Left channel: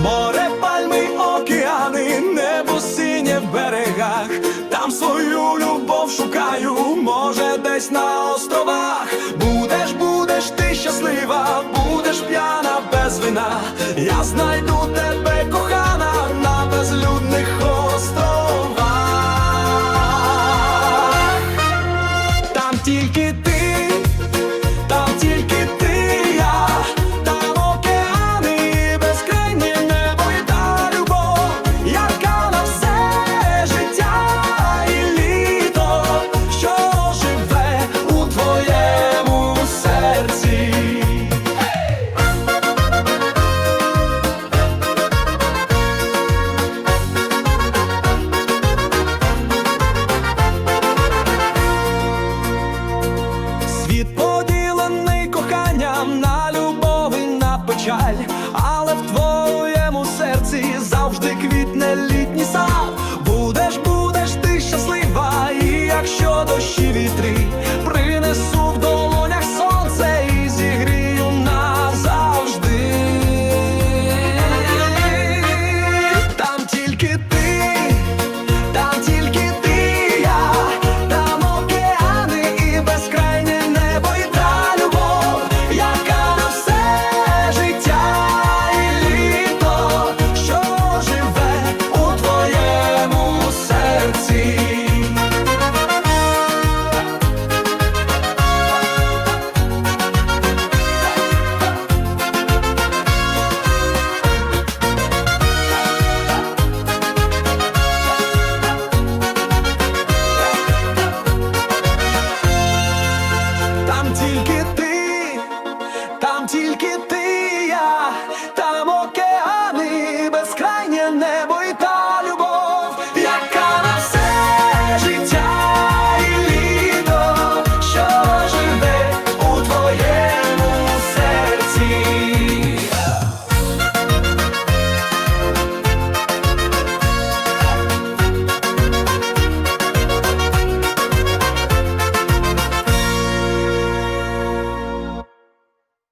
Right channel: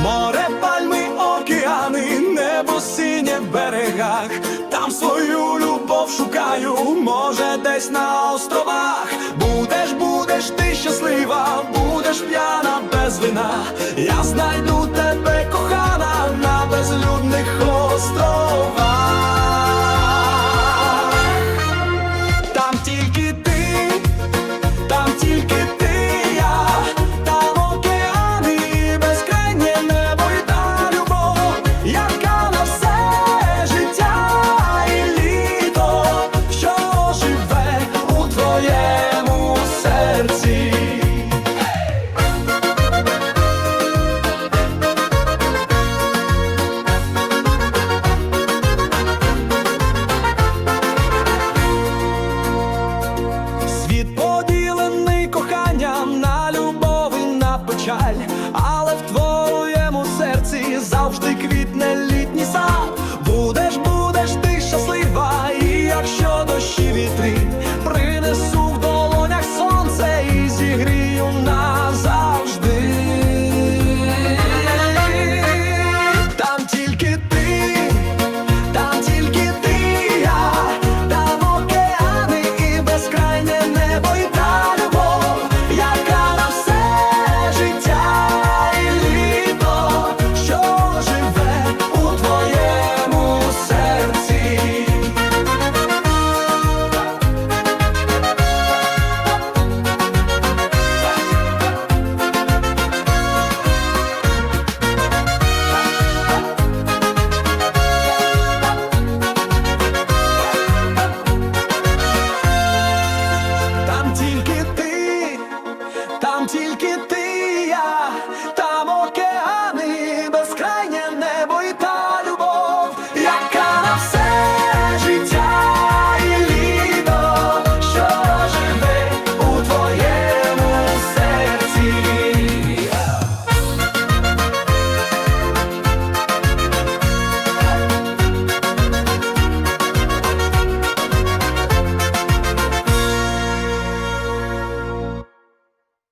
море, пальми, океани, небо синє в берегах, там свою любов шукаю, може, десь на островах. Будеш, будеш ти щаслива, будеш п'яна без вина. Я знайду тебе, кохана, на безлюдних островах. Там тільки ти. Коханням на любов і на печаль, але в твоєму серці завжди квітне літній сад. Будеш, будеш ти щаслива, і якщо дощі вітри тільки ти, там тільки ти, я, там океани,